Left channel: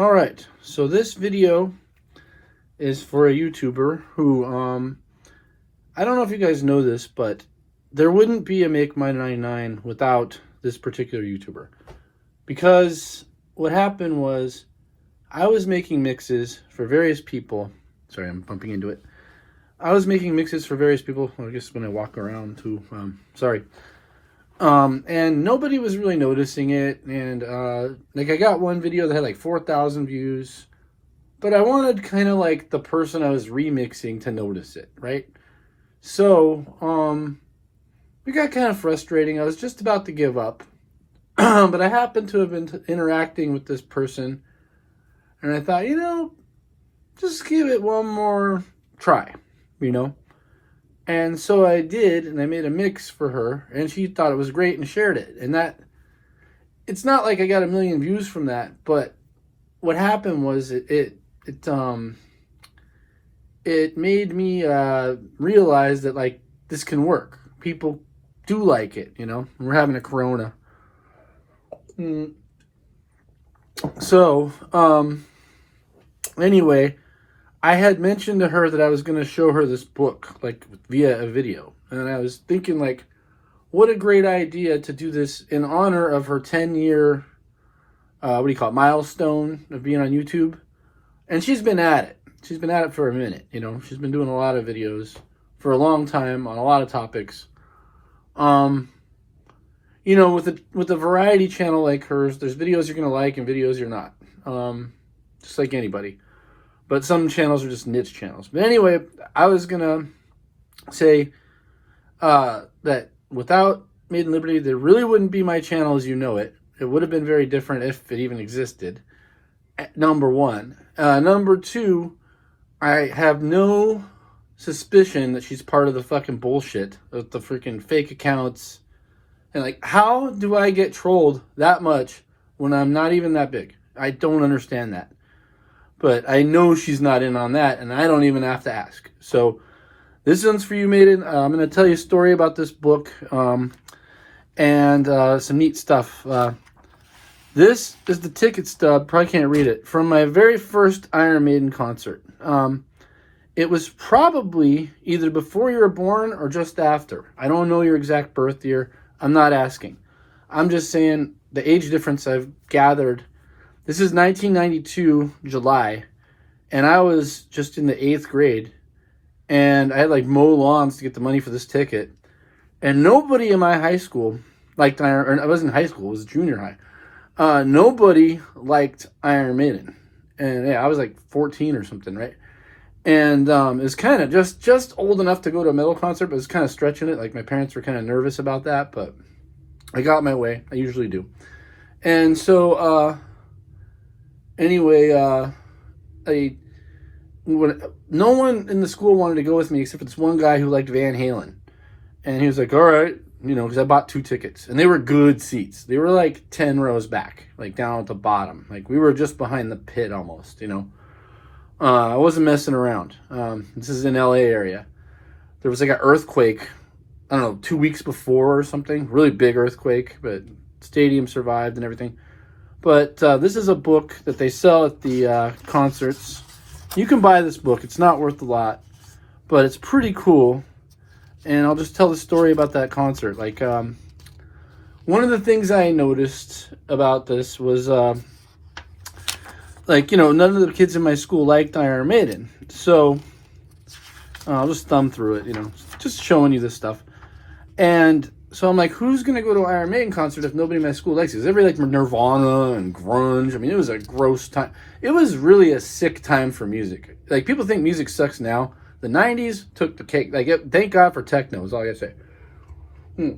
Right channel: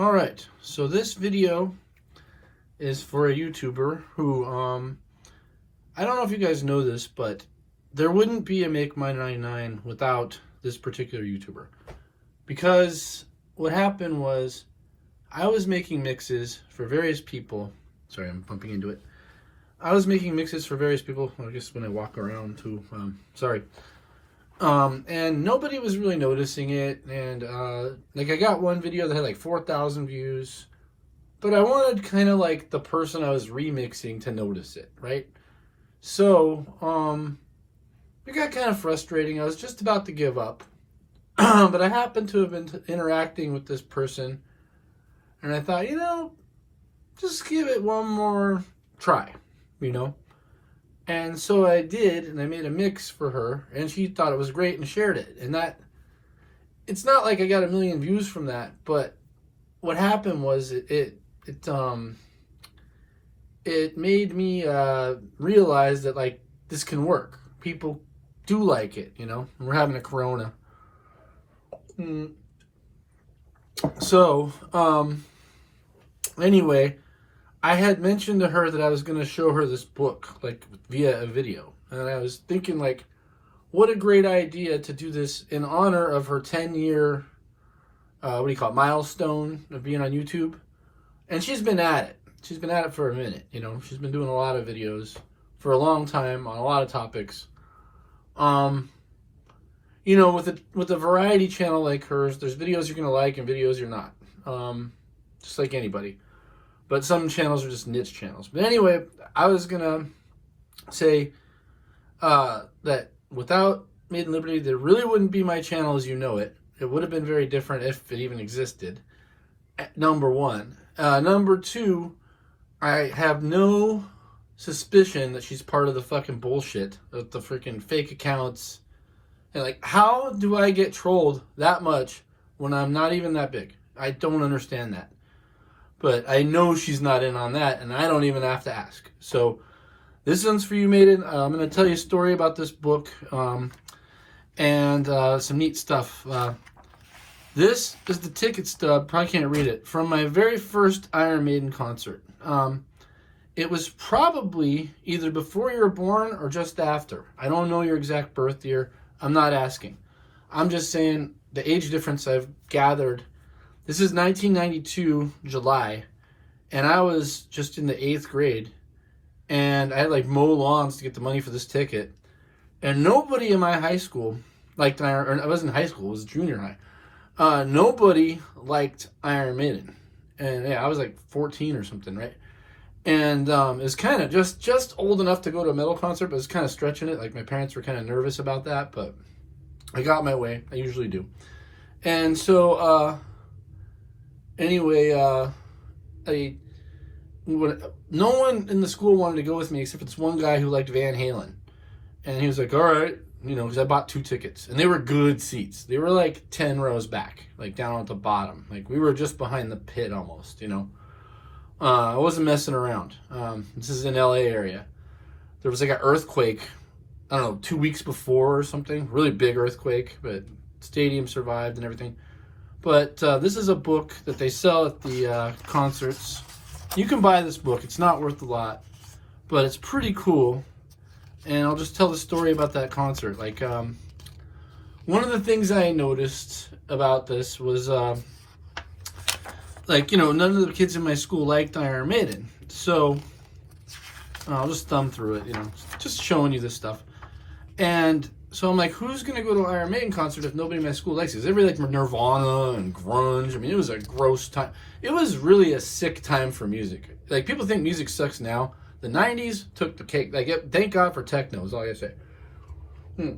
All right, so this video is for a YouTuber who, I don't know if you guys know this, but there wouldn't be a Make My 99 without this particular YouTuber. Because what happened was, I was making mixes for various people. Sorry, I'm bumping into it. I was making mixes for various people. Well, I guess when I walk around too. Sorry. And nobody was really noticing it. And like I got one video that had like 4,000 views. But I wanted kind of like the person I was remixing to notice it, right? So, it got kind of frustrating. I was just about to give up. But I happened to have been interacting with this person. And I thought, just give it one more try, And so I did, and I made a mix for her, and she thought it was great and shared it. And it's not like I got a million views from that, but what happened was it made me realize that, like, this can work. People do like it, We're having a Corona. So, anyway, I had mentioned to her that I was going to show her this book, like, via a video. And I was thinking, like, what a great idea to do this in honor of her 10-year, milestone of being on YouTube. And she's been at it. She's been at it for a minute, She's been doing a lot of videos for a long time on a lot of topics. With a variety channel like hers, there's videos you're going to like and videos you're not. Just like anybody. But some channels are just niche channels. But anyway, I was going to say that without Maiden Liberty, there really wouldn't be my channel as you know it. It would have been very different if it even existed. Number one. Number two, I have no suspicion that she's part of the fucking bullshit of the freaking fake accounts. And, like, how do I get trolled that much when I'm not even that big? I don't understand that. But I know she's not in on that, and I don't even have to ask. So, this one's for you, Maiden. I'm going to tell you a story about this book and some neat stuff. This is the ticket stub, probably can't read it, from my very first Iron Maiden concert. It was probably either before you were born or just after. I don't know your exact birth year. I'm not asking. I'm just saying the age difference I've gathered. This is 1992, July, and I was just in the 8th grade, and I had like mow lawns to get the money for this ticket, and nobody in my high school liked Iron, or I wasn't in high school, it was junior high. Nobody liked Iron Maiden, and yeah, I was like 14 or something, right? And it was kind of just old enough to go to a metal concert, but it was kind of stretching it. Like, my parents were kind of nervous about that, but I got my way. I usually do. And so, anyway, no one in the school wanted to go with me except for this one guy who liked Van Halen. And he was like, all right, because I bought 2 tickets. And they were good seats. They were like 10 rows back, like down at the bottom. Like, we were just behind the pit almost, I wasn't messing around. This is in LA area. There was like an earthquake, I don't know, 2 weeks before or something. Really big earthquake, but stadium survived and everything. But this is a book that they sell at the concerts. You can buy this book. It's not worth a lot, but it's pretty cool. And I'll just tell the story about that concert. Like, one of the things I noticed about this was, none of the kids in my school liked Iron Maiden. So, I'll just thumb through it, just showing you this stuff. And so I'm like, who's going to go to an Iron Maiden concert if nobody in my school likes it? Everybody liked Nirvana and grunge. I mean, it was a gross time. It was really a sick time for music. Like, people think music sucks now. The 90s took the cake. Like, thank God for techno is all I gotta say.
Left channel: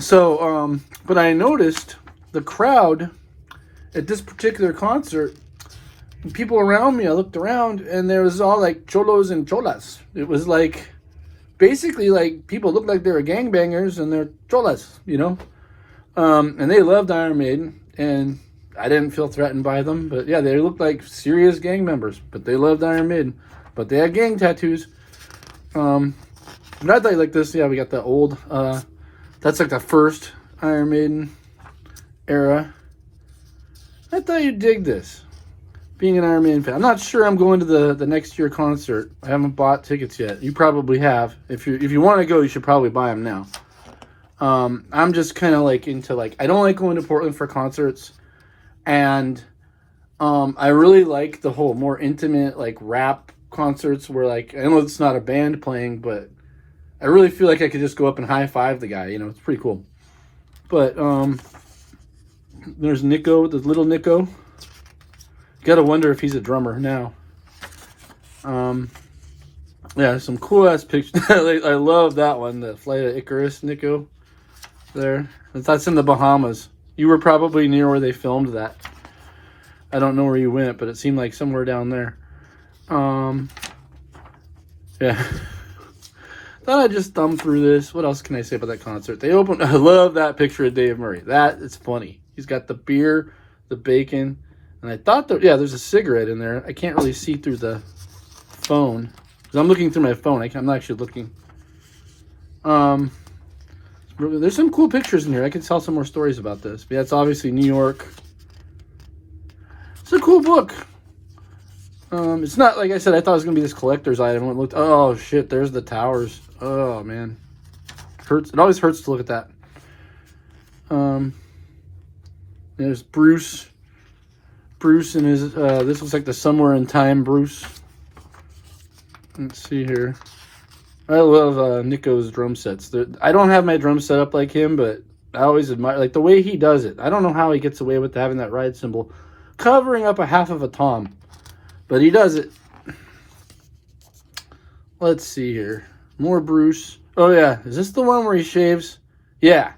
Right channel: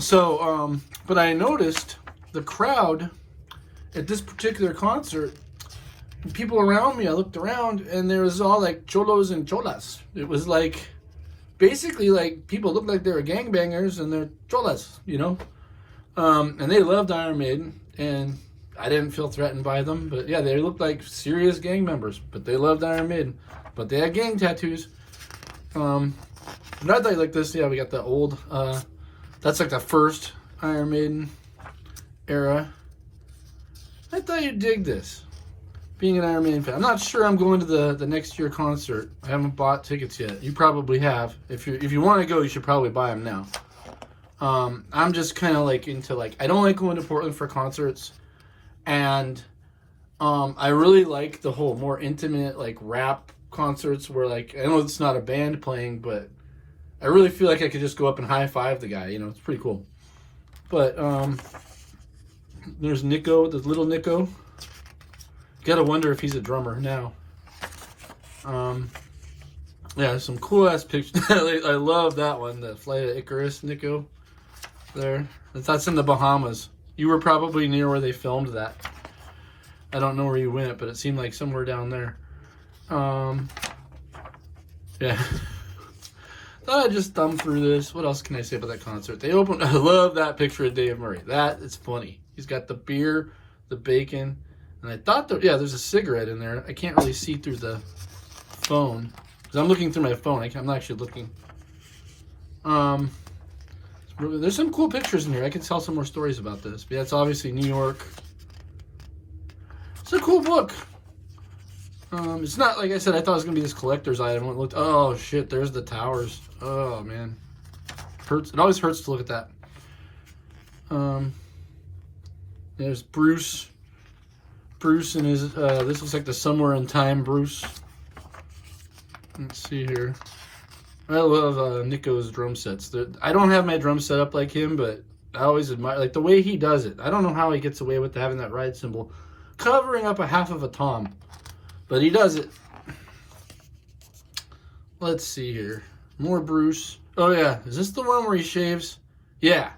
So, but I noticed the crowd at this particular concert, people around me, I looked around, and there was all, like, cholos and cholas. It was, like, basically, like, people looked like they were gangbangers, and they're cholas, and they loved Iron Maiden, and I didn't feel threatened by them, but, yeah, they looked like serious gang members, but they loved Iron Maiden, but they had gang tattoos. And I thought like this, yeah, we got the old, that's like the first Iron Maiden era. I thought thought you'd dig this. Being an Iron Maiden fan, I'm not sure I'm going to the next year concert. I haven't bought tickets yet. You probably have. If you want to go, you should probably buy them now. I'm just kind of like into like, I don't like going to Portland for concerts, and I really like the whole more intimate like rap concerts where like, I know it's not a band playing, but I really feel like I could just go up and high five the guy. You know, it's pretty cool. But there's Nico, the little Nico. Gotta wonder if he's a drummer now. Yeah, some cool ass pictures. I love that one, the Flight of Icarus, Nico. There, that's in the Bahamas. You were probably near where they filmed that. I don't know where you went, but it seemed like somewhere down there. Yeah. Thought I'd just thumb through this. What else can I say about that concert? They opened. I love that picture of Dave Murray. That is funny. He's got the beer, the bacon, and I thought that, yeah, there's a cigarette in there. I can't really see through the phone because I'm looking through my phone. I'm not actually looking. There's some cool pictures in here. I can tell some more stories about this. But yeah, it's obviously New York. It's a cool book. It's not, like I said, I thought it was going to be this collector's item. I looked, oh shit, there's the towers. Oh man. Hurts. It always hurts to look at that. There's Bruce. Bruce and his, this looks like the Somewhere in Time Bruce. Let's see here. I love Nico's drum sets. I don't have my drum set up like him, but I always admire like the way he does it. I don't know how he gets away with having that ride cymbal covering up a half of a tom, but he does it. Let's see here. More Bruce. Oh yeah, is this the one where he shaves? Yeah,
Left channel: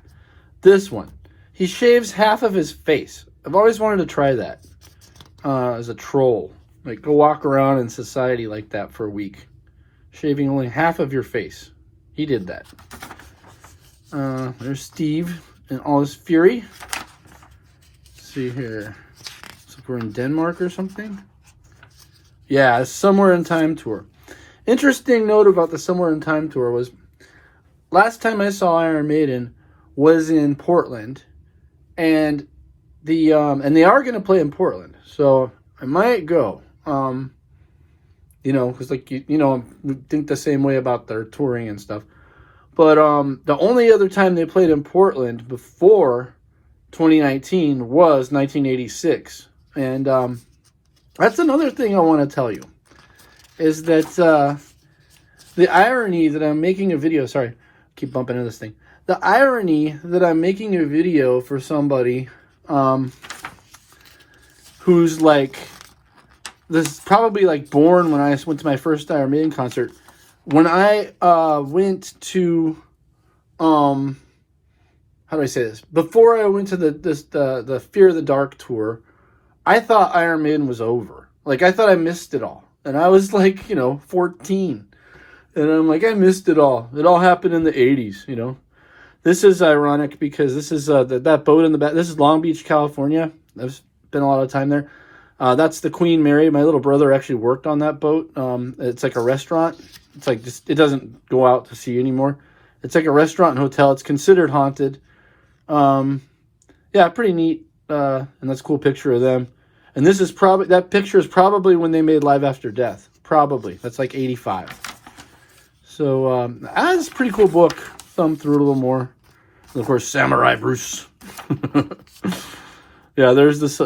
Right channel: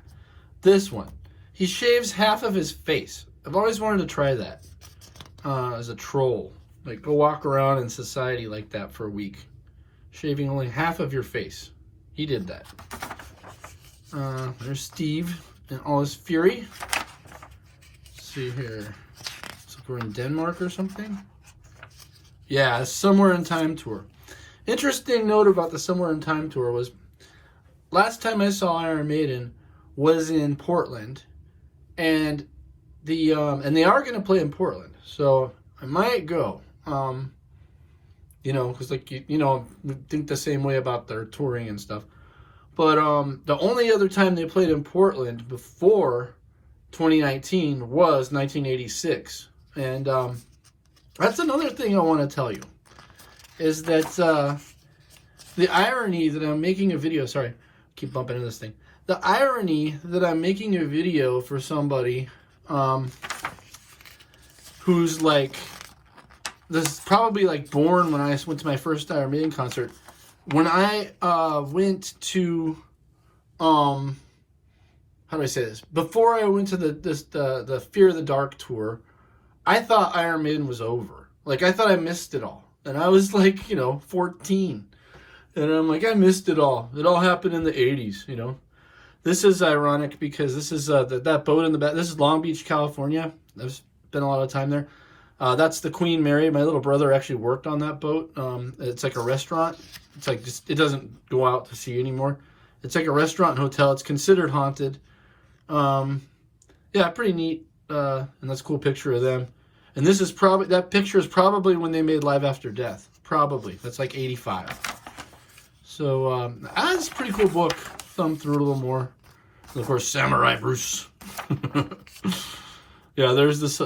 this one. He shaves half of his face. I've always wanted to try that as a troll. Like go walk around in society like that for a week. Shaving only half of your face. He did that. There's Steve in all his fury. Let's see here. Looks like we're in Denmark or something. Yeah, Somewhere in Time tour. Interesting note about the Somewhere in Time tour was last time I saw Iron Maiden was in Portland, and they are going to play in Portland, so I might go. You know, because like we think the same way about their touring and stuff. But the only other time they played in Portland before 2019 was 1986, and that's another thing I want to tell you is that the irony that I'm making a video. Sorry, keep bumping into this thing. The irony that I'm making a video for somebody who's like. This is probably like born when I went to my first Iron Maiden concert. When I went to, how do I say this? Before I went to the Fear of the Dark tour, I thought Iron Maiden was over. Like I thought I missed it all, and I was like 14, and I'm like I missed it all. It all happened in the 80s. This is ironic because this is that boat in the back. This is Long Beach, California. I've spent a lot of time there. That's the Queen Mary. My little brother actually worked on that boat. It's like a restaurant. It's like it doesn't go out to sea anymore. It's like a restaurant and hotel. It's considered haunted. Yeah, pretty neat. And that's a cool picture of them. And this is that picture is probably when they made Live After Death. Probably. That's like 85. So that's a pretty cool book. Thumb through it a little more. And of course, Samurai Bruce. Yeah, there's this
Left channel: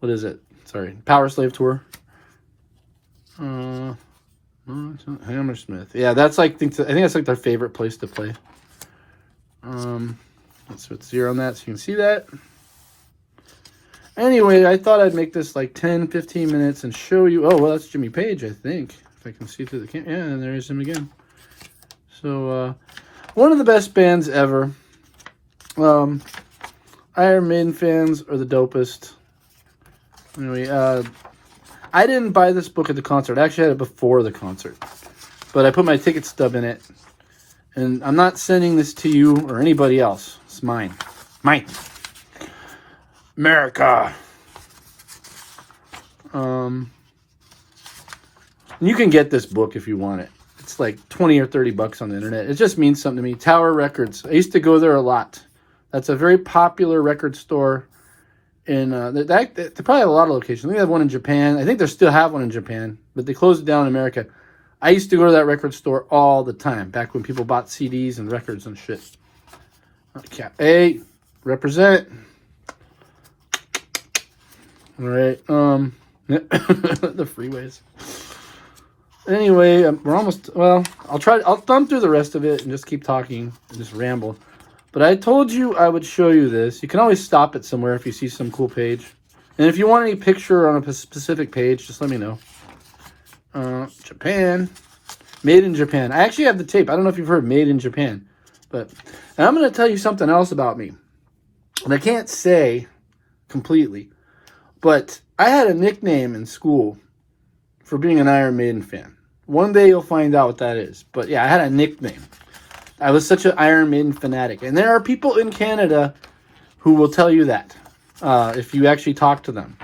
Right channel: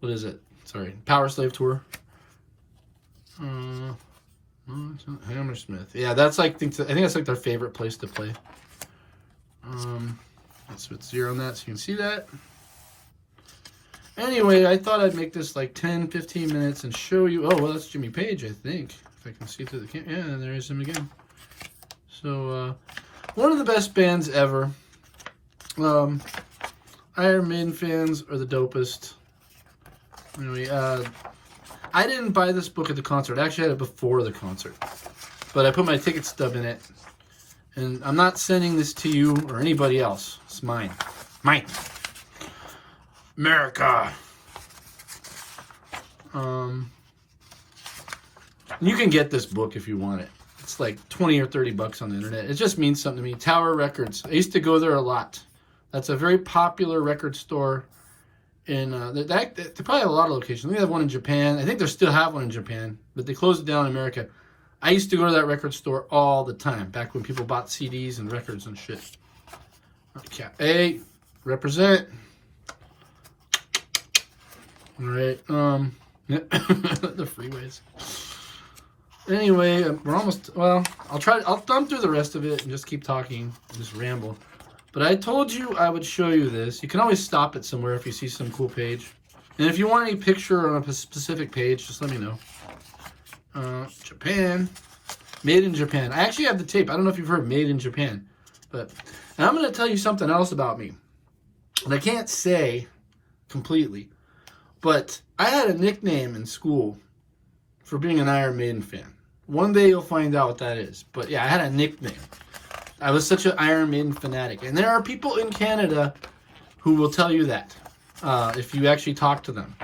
what is it? Sorry, Power Slave Tour. Hammersmith. Yeah, that's like I think that's like their favorite place to play. Let's put 0 on that so you can see that. Anyway, I thought I'd make this like 10-15 minutes and show you. Oh well, that's Jimmy Page, I think. If I can see through the camera. Yeah, and there's him again. So one of the best bands ever. Iron Maiden fans are the dopest. Anyway, I didn't buy this book at the concert. I actually had it before the concert. But I put my ticket stub in it. And I'm not sending this to you or anybody else. It's mine. Mine. America. You can get this book if you want it. It's like 20 or 30 bucks on the internet. It just means something to me. Tower Records. I used to go there a lot. That's a very popular record store And they probably have a lot of locations. I think they have one in Japan. I think they still have one in Japan, but they closed it down in America. I used to go to that record store all the time, back when people bought CDs and records and shit. Okay. Hey, represent. All right. The freeways. Anyway, we're almost, well, I'll thumb through the rest of it and just keep talking and just ramble. But I told you I would show you this. You can always stop it somewhere if you see some cool page. And if you want any picture on a specific page, just let me know. Japan. Made in Japan. I actually have the tape. I don't know if you've heard Made in Japan. And I'm going to tell you something else about me. And I can't say completely. But I had a nickname in school for being an Iron Maiden fan. One day you'll find out what that is. But yeah, I had a nickname. I was such an Iron Maiden fanatic. And there are people in Canada who will tell you that. If you actually talk to them.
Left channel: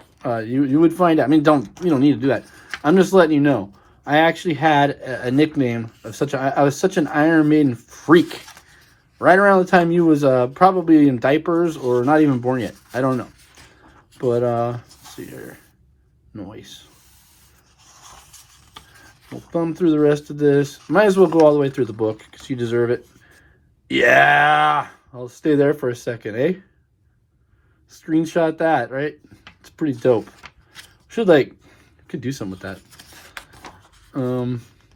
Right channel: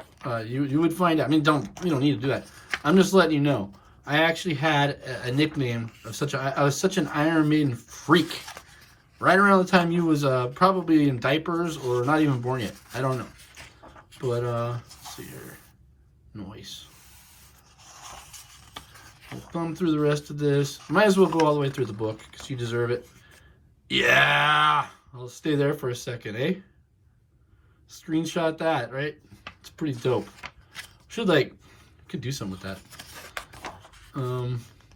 You would find out. I mean, you don't need to do that. I'm just letting you know. I actually had a nickname of I was such an Iron Maiden freak. Right around the time you was probably in diapers or not even born yet. I don't know. But let's see here. Noise. We'll thumb through the rest of this. Might as well go all the way through the book because you deserve it. Yeah. I'll stay there for a second, eh? Screenshot that, right? It's pretty dope. Could do something with that.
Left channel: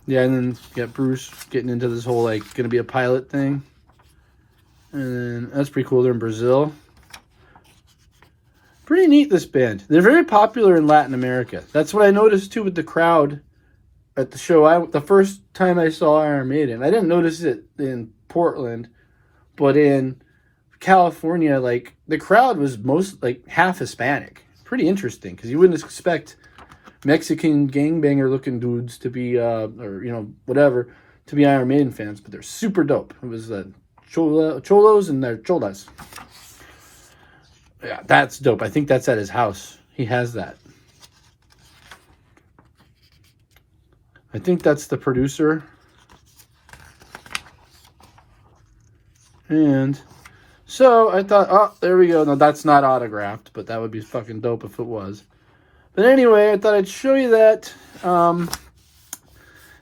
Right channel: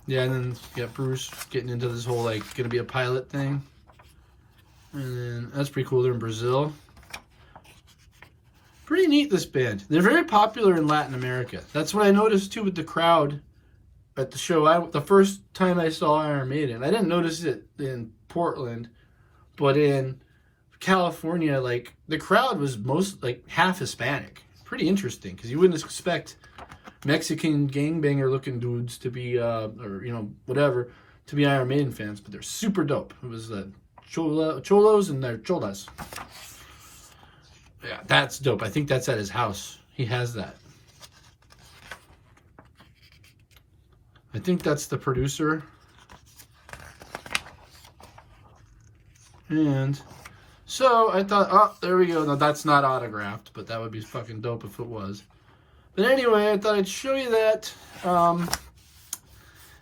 Yeah, and then you got Bruce getting into this whole, gonna be a pilot thing. And then that's pretty cool. They're in Brazil. Pretty neat, this band. They're very popular in Latin America. That's what I noticed, too, with the crowd at the show. The first time I saw Iron Maiden, I didn't notice it in Portland, but in California, the crowd was half Hispanic. Pretty interesting, because you wouldn't expect Mexican gangbanger looking dudes to be, whatever, to be Iron Maiden fans, but they're super dope. It was cholos and their cholas. Yeah, that's dope. I think that's at his house. He has that. I think that's the producer. And so I thought, oh, there we go. No, that's not autographed, but that would be fucking dope if it was. But anyway, I thought I'd show you that.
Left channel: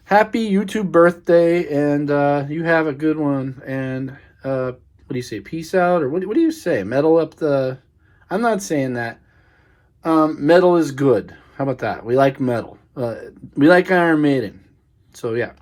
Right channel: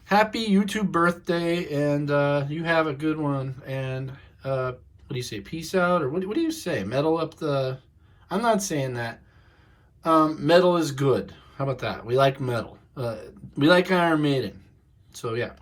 Happy YouTube birthday, and you have a good one. And what do you say? Peace out, or what do you say? Metal up the... I'm not saying that. Metal is good. How about that? We like metal. We like Iron Maiden. So, yeah.